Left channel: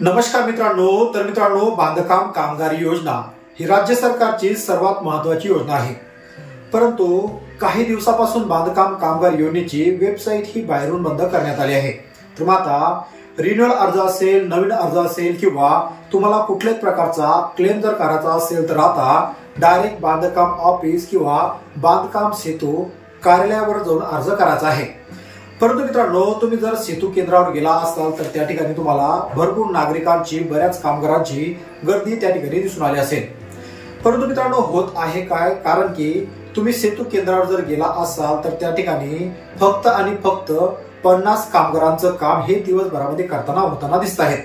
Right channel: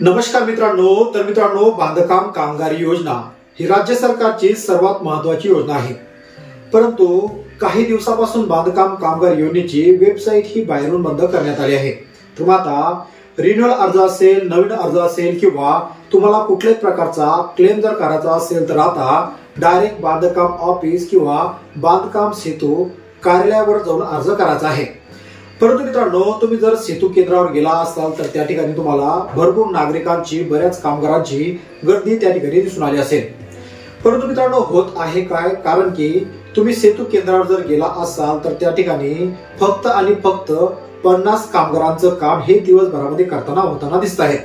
नमस्कार मित्रांनो, बांधकाम कामगार योजना ही राज्य सरकारची सर्वात महत्त्वाची योजना आहे। परंतु काही दिवसापासून बांधकाम कामगार योजनेची वेबसाईट ही बाहेरून बंद करण्यात आली आहे। तर आता रिन्युअल अर्ज असेल, नवीन अर्ज असेल किंवा तुम्हाला कुठल्याच प्रकारचा क्लेम जर करायचा असेल तर आता डायरेक्ट बांधकाम ऑफिस किंवा बांधकाम सेतू कार्यालयावर जाऊन अर्ज करायचा आहे। परंतु मित्रांनो, तुम्ही जर सेतू केंद्रावर गेला असाल तर त्या ठिकाणी तुम्हाला भरपूर नागरिकांची, बऱ्याच कामगारांची गर्दी त्या ठिकाणी दिसून आली असेल। परंतु मित्रांनो, होत आहे काय, कारण की तुम्ही सेतू केंद्रावर जर गेला असाल तर त्या ठिकाणी फक्त आणि फक्त 50 कामगारांचं काम हे दिवसभरामध्ये होताना दिसत आहेत।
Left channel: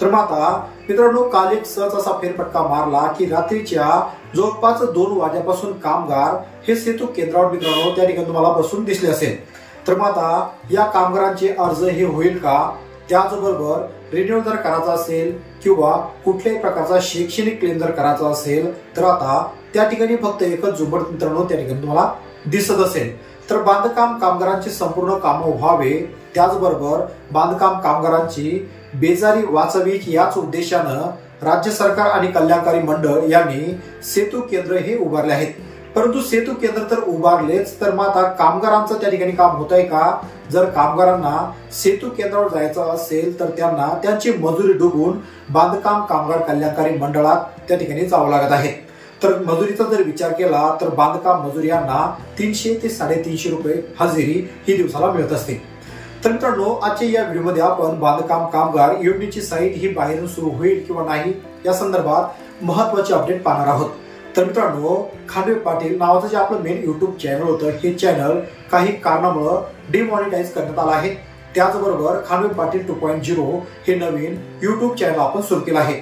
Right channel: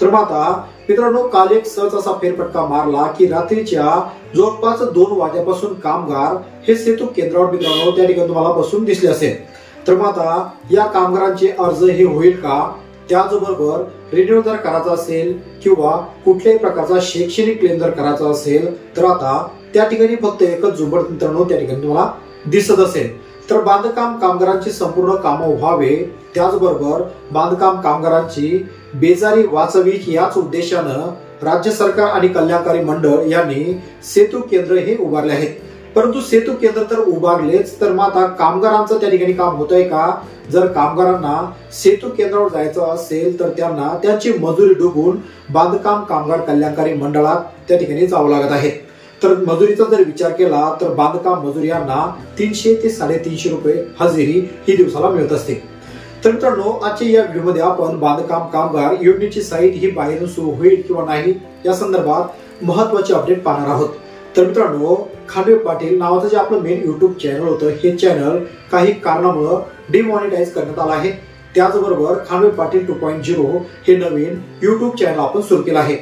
तर मग आता मित्रांनो, काल एक सहज असा फेरफटका मारला की रात्रीच्या जवळपास 2 वाजेपासून कामगार हे सेतू केंद्रावर मित्रांनो त्या ठिकाणी तुम्हाला बसून दिसले असेल। तर मग आता या कामगारांचे अर्ज हे होईल का, त्याचबरोबर रिन्यू जर करायचा असेल किंवा कुठल्याही प्रकारचा शैक्षणिक क्लेम जर करायचा असेल तर आता त्या ठिकाणी फक्त एकच झुंबड मित्रांनो त्या ठिकाणी तुम्हाला दिसत असेल। तर बांधकाम कामगारांची संपूर्ण कामं व्हावे, त्याचबरोबर बांधकाम कामगारांची बेजारी वाचवी याच उद्देशानं राज्य सरकार आणि कल्याणकारी मंडळ यांनी सेतू केंद्र हे उभारले आहेत। परंतु सेतू केंद्र तर उभारलेच, तर मग आता कामगारांचं त्या ठिकाणी काम होतंय का? जर कामगारांना सेतू केंद्रावर जायचं असेल तर त्यांना त्यांची मजुरी डुबून बांधकाम कामगार कल्याणकारी मंडळात त्या ठिकाणी जावं लागत आहे। तर मजुरीचा जर विचार केला तर बांधकाम मजूर यांना 300 ते 350 रुपये हजेरी ही दिवसाला मिळत असते। तर मित्रांनो, आजच्या या व्हिडिओमध्ये आपण बांधकाम कामगार योजनेची साईट ही बाहेरून सुरू होईल किंवा नाही या संदर्भात महत्वाचे अपडेट पाहणार आहोत। तर मित्रांनो, खांडवे पाटील नावाचं जे आपलं मेन युट्यूब चॅनल होतं, हे चॅनल काही कारणामुळे डिमॉनिटाईज करण्यात आलं आहे। त्याचबरोबर खांडवे पाटील 2.0 हे नवीन युट्यूब चॅनल आपण सुरू केलं आहे।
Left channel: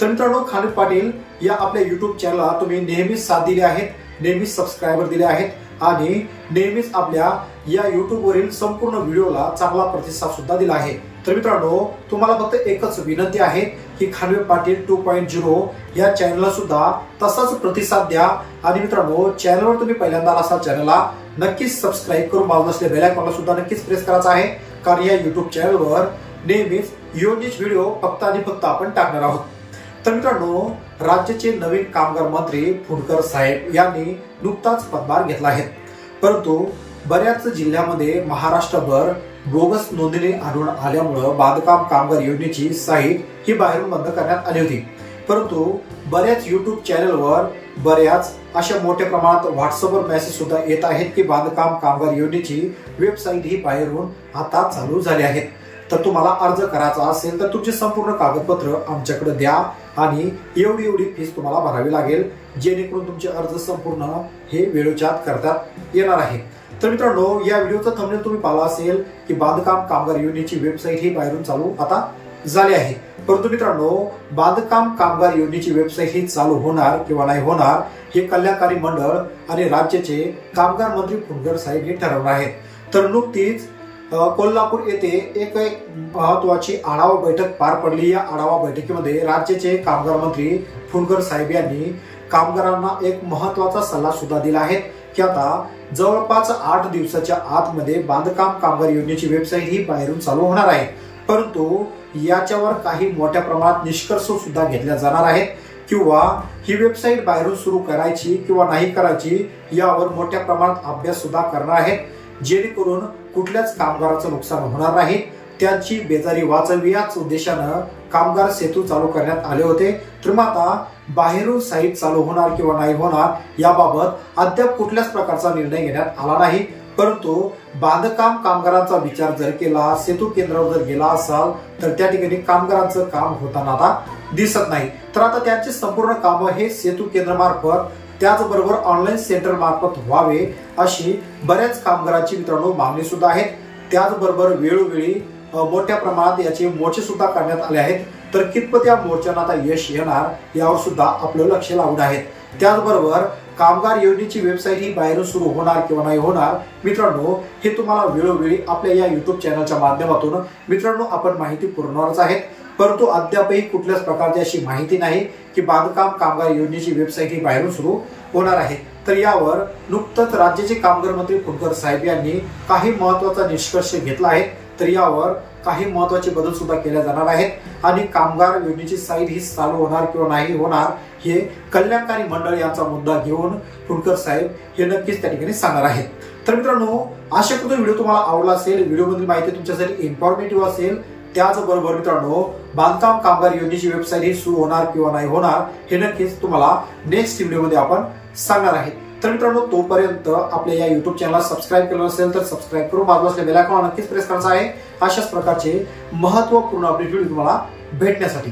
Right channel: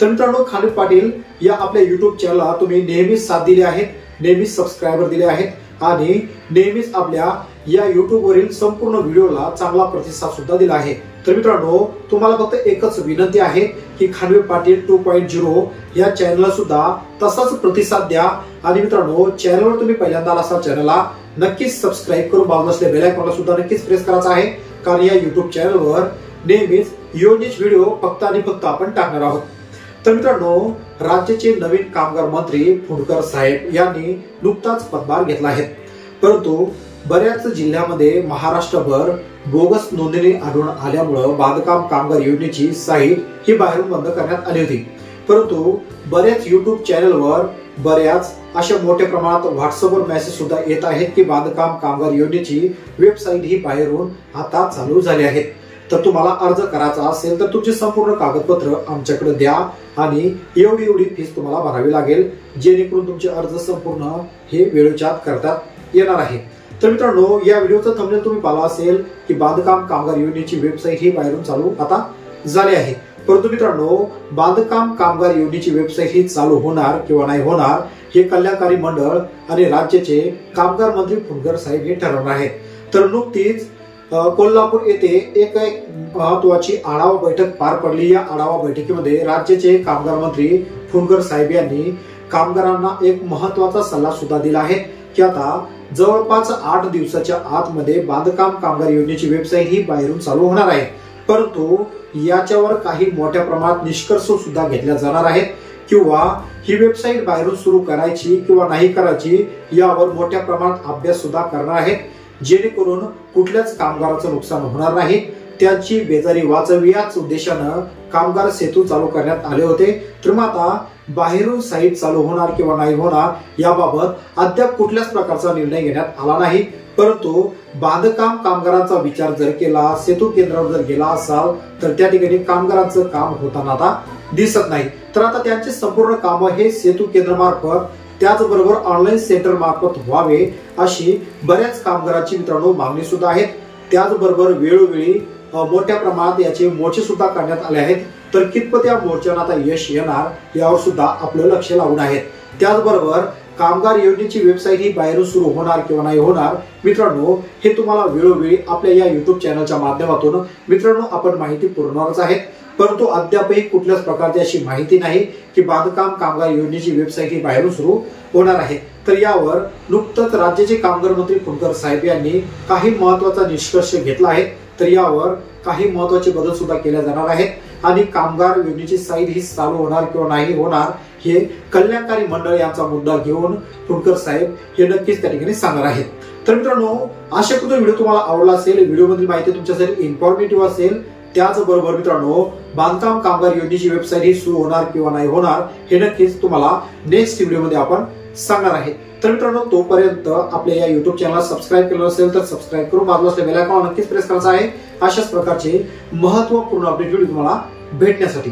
तर मित्रांनो, खांडवे पाटील या आपल्या युट्यूब चॅनलला तुम्ही नेहमीच साथ दिली आहे, नेहमीच सबस्क्रायबर दिले आहेत आणि नेहमीच आपल्या या युट्यूब वरील संपूर्ण व्हिडिओला चांगला प्रतिसाद सुद्धा दिला आहे। तर मित्रांनो, तुम्हाला फक्त एकच विनंती आहे की खांडवे पाटील 2.0 या चॅनलला सुद्धा तसाच प्रतिसाद द्या। आणि मित्रांनो, चॅनलवर तुम्ही पहिल्यांदा असाल चॅनलला नक्कीच सबस्क्राईब करून बाजूला असलेल्या बेल आयकॉनला सुद्धा नक्कीच प्रेस करायचा आहे, कारण या युट्यूब चॅनलवर नेहमीच योजनेचे व्हिडिओ फक्त आणि फक्त आपण टाकणार आहोत। तर मित्रांनो, राज्याचे नवीन कामगार मंत्री फुंडकर साहेब यांनी नुकताच पदभार घेतला आहे। परंतु बऱ्याच जिल्ह्यामध्ये महाराष्ट्रभर बोगस नोंदणी आढळून आल्यामुळे बांधकाम कामगार योजनेची साईट ही बाहेरून बंद करण्यात आली होती। परंतु बऱ्याच युट्यूब चॅनलवर बऱ्याच अशा मोठ्या प्रमाणात व्हॉट्सअपवर मेसेज सुद्धा येत आहेत की बांधकाम कामगार योजनेची वेबसाईट ही बाहेरून आता चालू झाली आहेत। तर तुम्हाला अर्ज करायचा असेल तर तुमची संपूर्ण कागदपत्र आमच्याकडे द्या आणि एवढी फीस तुम्हाला भरावी लागेल, जेणेकरून तुमचे अर्ज संपूर्ण हे वेळेच्या आत करतात येणार आहे। तर मित्रांनो, या व्हिडिओचा थंबनेल तुम्ही पाहिला असेल की बांधकाम कामगार योजनेची वेबसाईट ही बाहेरून चालू आता झाली आहे। परंतु मित्रांनो, बांधकाम कामगार योजनेची वेबसाईट ही चालू होणार किंवा नाही होणार हे कल्याणकारी मंडळ आणि राज्याचे कामगार मंत्री फुंडकर साहेब हे ठरवणार आहेत। तर नुकतीच कोल्हापूर येथे एक महत्वाची आढावा बैठक पार पडली। या आढावा बैठकीमध्ये राज्याचे कामगार मंत्री फुंडकर साहेब यांनी कामगारांना एक महत्वाचा सल्ला सुद्धा दिला आहे की आता जवळपास 8 दिवसाच्या आतमध्ये बांधकाम कामगार योजनेची वेबसाईट ही बाहेरून चालू होणार आहे। परंतु याच्यावर काही मोठ्या प्रमाणात निष्कर्ष सुद्धा घेतल्या जाणार आहेत किंवा ही वेबसाईट बाहेरून सुरू करायची किंवा नाही करायची यावर मोठ्या प्रमाणात अभ्यास सुद्धा करणार आहेत, जेणेकरून कुठल्याच कामगाराचं नुकसान होणार नाही, त्यांची बेजारी वाचवी याच उद्देशानं कामगार सेतू चालू करण्यात आले होते। तर मग आता बाहेरून साईट चालू होणार किंवा नाही होणार याबाबत अद्याप कुठल्याच प्रकारचा निर्णय घेण्यात आला नाही। परंतु बांधकाम कामगारांचा विचार जर केला, सेतू केंद्रावर जर गेला असाल तर त्या ठिकाणी कामगारांचं काम होताना आता दिसत नाही। तर आता त्यांचे संपूर्ण काम हे सेतू केंद्रामार्फत त्याचबरोबर ऑनलाईन सेंटर मार्फत व्हावे अशी बऱ्याच कामगारांची मित्रांनो मागणी सुद्धा आहे। त्याचबरोबर वेळोवेळी मोठ्या प्रमाणात याचे मोर्चे सुद्धा करण्यात आले आहेत। तर कितपत या मोर्चांना आता यश येणार यावर सुद्धा आपलं लक्ष लावून आहे। त्याचबरोबर कामगार योजनेची वेबसाईट ही बाहेरून सुरू होणार किंवा नाही होणार मित्रांनो, हे तुम्हाला वेळोवेळी आपल्या या युट्यूब चॅनलच्या माध्यमातून मित्रांनो आपण माहिती पुरवणारच आहेत। परंतु अद्यापही कुठल्याच प्रकारची अशी माहिती नाही की बांधकाम कामगार योजनेची वेबसाईट ही बाहेरून सुरू होणार आहे। तर यावर नुकतंच राज्याचे कामगार मंत्री फुंडकर साहेब यांनी काही महत्त्वाचा निष्कर्ष घेतला आहे। तर यावर काही महत्त्वाचे बदल सुद्धा केले जाणार आहेत आणि कामगार योजनेची साईट ही चालू होणार किंवा नाही होणार हे कल्याणकारी मंडळ यांचा मुद्दा घेऊन फुंडकर साहेब हे नक्कीच त्या ठिकाणी सांगणार आहेत. तर मित्रांनो, आशा करतो व्हिडिओ तुम्हाला आवडला असेल. व्हिडिओमधील माहिती तुमच्यासाठी इन्फॉर्मेटिव्ह असेल. त्याचबरोबर मित्रांनो, बांधकाम कामगार योजनेची वेबसाईट ही सुरू होणार किंवा नाही होणार हे नक्कीच तुम्हाला नेक्स्ट व्हिडिओमध्ये आपण सांगणार आहेत. तर मित्रांनो, तोपर्यंत आपल्या या युट्यूब चॅनलला सबस्क्राईब केलं असेल तर सबस्क्राईब करून बाजूला असलेल्या बेल आयकॉन नक्कीच प्रेस करायचा आहे अशाच प्रकारचे महत्त्वपूर्ण अपडेट व्हिडिओ तुम्हाला भेटण्यासाठी.